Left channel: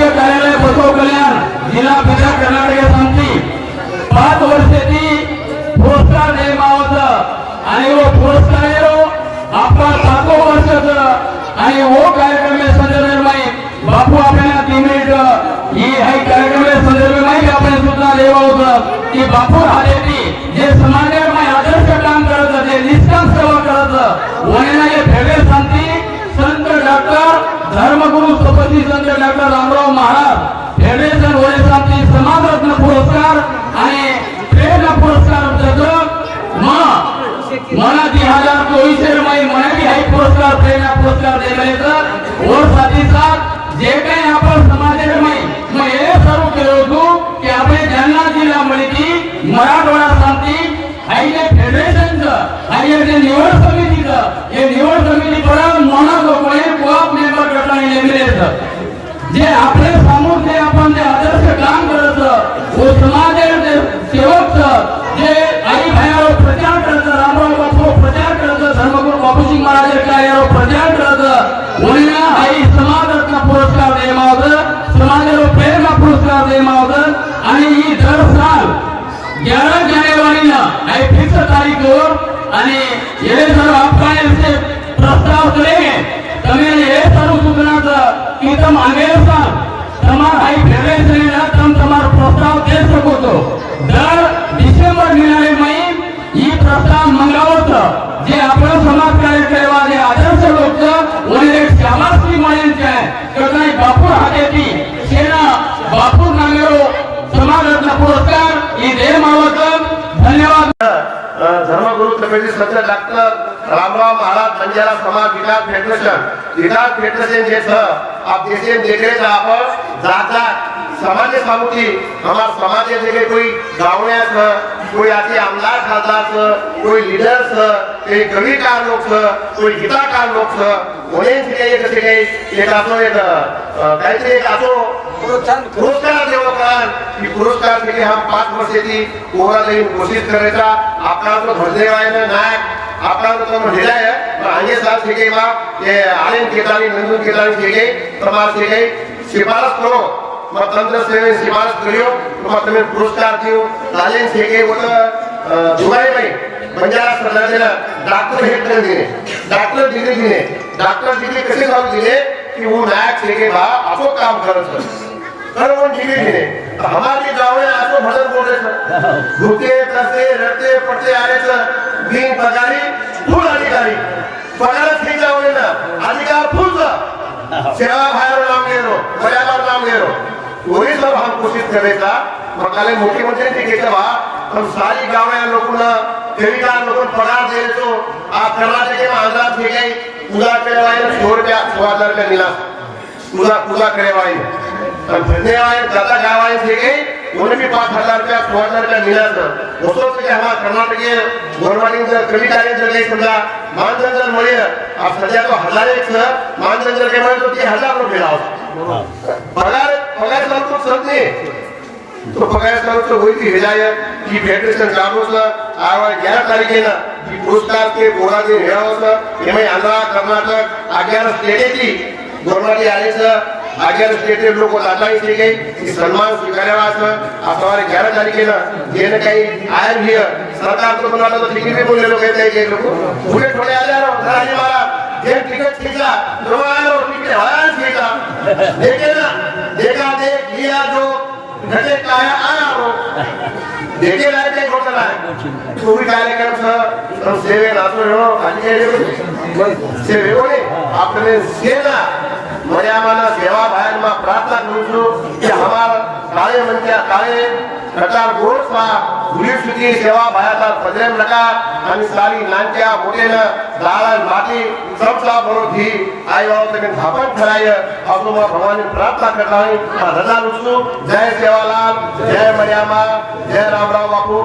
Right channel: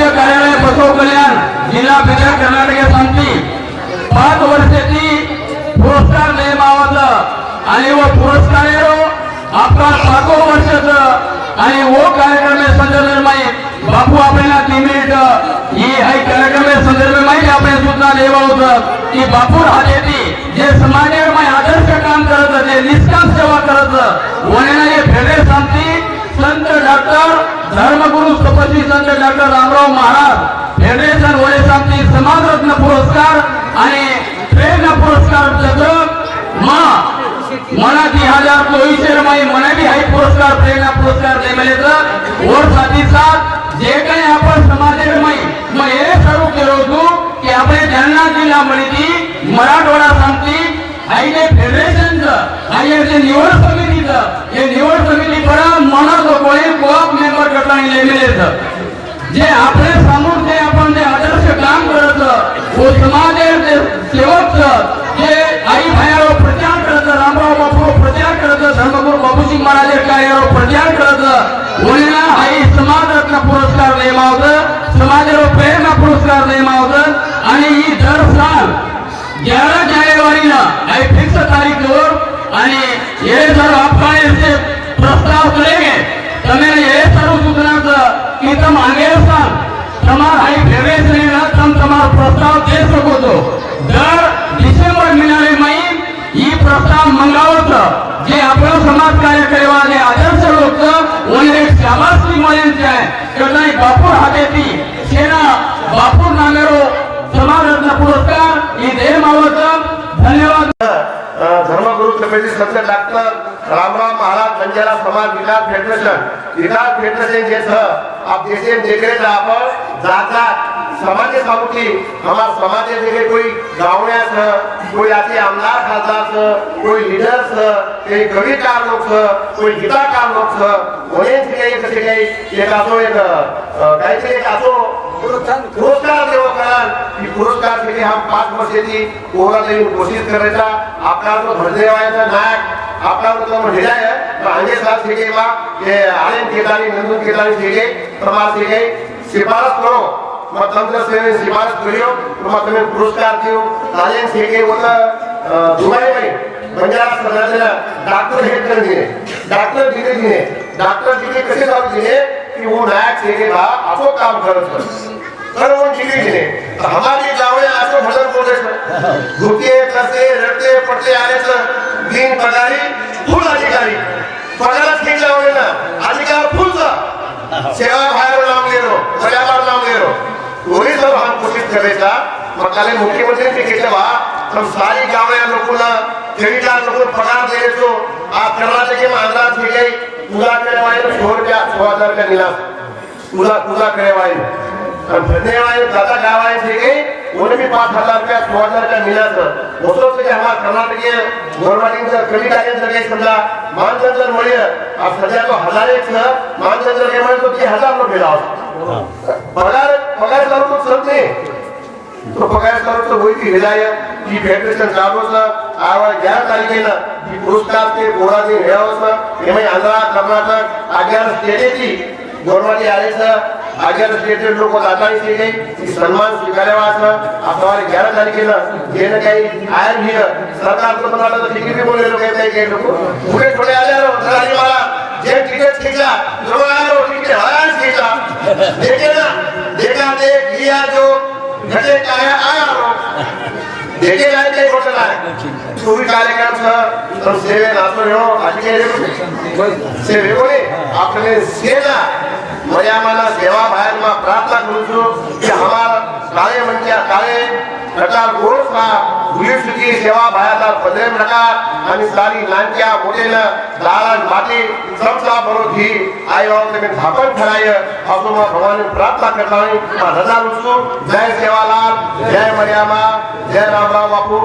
शासकीय कार्यालय बसव कल्याण जिल्हा बिदर कर्नाटक आमची 5 वर्षाची पुरस्कार नेमावत आणि वो पुरस्कार आपला 5 वर्षाचं आणि वो कार्यक्रम संदर्भ में बापू आपल्याला 3 मिनिट ही आहे कार्यक्रम संदर्भ में आपण सुद्धा लेवा होतं की बापू हाजेती जे समाजामध्ये आदर्श काम करत होते निष्काम सेवा करत वण्याला हे फेडरेल शांती संत डॉक्टर धर्मगुरु सपती संत डॉक्टर रामराव महाराज फेडरेशन वय शांती समाजरत्न पुरस्कार आणि प्रेरणा पुरस्कार मला 2024 मध्ये मराठी हाई पुरस्कार प्रेरणा पुरस्कार दिले और साथ ही साथ जे काही आपण समाजामध्ये मग हे सर्व केलो होतो की आपले जालना जिल्हा मध्ये मराठवाडा शांती आईने फेडरेशनचं आणि जे निवड समितीचं हे निवड समिती बरं मनात कोणी कोप मेंबर गटाने नेमले जे आपले समोर जे आपण जे आदर्श काम करत वो समाजाचे सेवक जे आई भाईवर प्रचार करत रामराव बापू प्रचार करत धर्मगुरु बापूजी महाराज कार्यावर प्रचार करत उन्हें आई समाजरत्न पुरस्कार नेमावत समाजाला प्रेरणा पुरस्कार नेमावत आणि ही दर साल 11 जानेवारीला आई फिक्स तारीखवर आणि हे जर आपण इसे प्रस्ताव करेंगे तमें ये सर्व सूचनाचं की तुम आगे साल तमार हाई फेडरेशन तुम तमार प्रस्ताव दे सको तो दर डिसेंबर महिन्याले ही प्रस्ताव मंगावत जे आपलं समाज कार्य करेवा जे आदर्श लोक उन्हें शाबासकी मिळेल आहे कदाई बापूर हातेती सेना बापूर नामेरो समाजरत्न पुरस्कार ही दे मावत धन्यवाद। धर्मगुरु कमिटी संत डॉक्टर रामराव महाराज बंजारा समाज विकास फेडरेशन जे छ आप देशे देखे था आप जाता समाज सामुती हमार समाज देखे कोई गाँव कोई आते आमदार खासदार कोई लीडर कोई कविकार लोग कोई गीताकार लोग उन्हें कसे काही एक असो एक काहीतरी एक असो पुरस्कार देवो कारण की पुरस्कार के लिए हम 5 वर्षाची कोहरा देऊन कोशिश करायचा आपला तो धर्देवायचा नायक आपला तो हृदय पण आगे साथ सीखेगा ये आलिम केदारी नंदू केदारी सीखे प्रमाण सीखे शिफारस करो मग तंत्र सेवे शिफारस करियो तुम्हाला तुम्ही पुरस्कार देऊ आलिम सीखे होतं दुबई में बंजारा समाजाला डॉक्टर हेड कर दिए डॉक्टर डिग्री कसे जाऊ दिले कि वो नायक सीखेगा आपको काम करत तर वो डिग्री दिले हमारी गाँव में आसो भडर बोले भूखे तरसे रडते पडते आले बिन पगारी फुल अधिकारी पगार ठीक जाऊ ना अधिकार फुलचा सेवा भाईवर नाम गेलो बराबर नाम गेलो वही सब हम कोशिश करायचा मकाले मुख्यमंत्री के केवा हम सारी गाँव में लोगों कविता लोगों पगार द्यायचो आप कर्नाटक में आंध्रा थे पूजा करवाए 100 रुपया 1000 का निलास पूजा करवाए धन्यवाद दादा गावाए थे उन्हें भी 5000 रुपया 1000 का निलास वो सोच के हमारा कर्नाटक गोरवाड़ी कविता के जगह समझा मानदंड मिले आप सजा तो 1000 मानदंड के माने तो 1000 रुपये मिला पगार तो समझे तो पगार तो वही की हिदायत की फेडरेशन कामों आवा 11 तारीखेला की पुरस्कार के कोरा दे हेळावसा एमे आंध्र कर्नाटक 11 स्टेटची गोरवाडी आलेचं 11 स्टेट लोक आताही सीखे की सन्मान स्वीकारावा असं 11 तारखेला जेने काही आयर हियर सरकार तो बनाला तो डिग्री बोले लोक काही लोक पुढे थोडे आले राणी मला जे टिकट खींचा जो आलो टिकट हरान खींचा देखा देख लिया जो घटे काय आया देखे जाते घोषणा चोरी कार्यक्रम तो सेवे नाचो हो आजके सेवे कोणी आपले सेना मर्यादाला सेवा भाईला प्रार्थना करू છું કે हमारा काळे म्हणजे काळे कटार गोरसा गुलीसुदी सेवा भाईला पदरे नका आणि सारी नांच्या मोठेला दालन माटी सबसा बरोधी आईवाव तुम्ही थापण ठराय असो भगवान प्रार्थना करताय रजा करू जय सेवालाल जय मर्यादा जय रामराव बापू।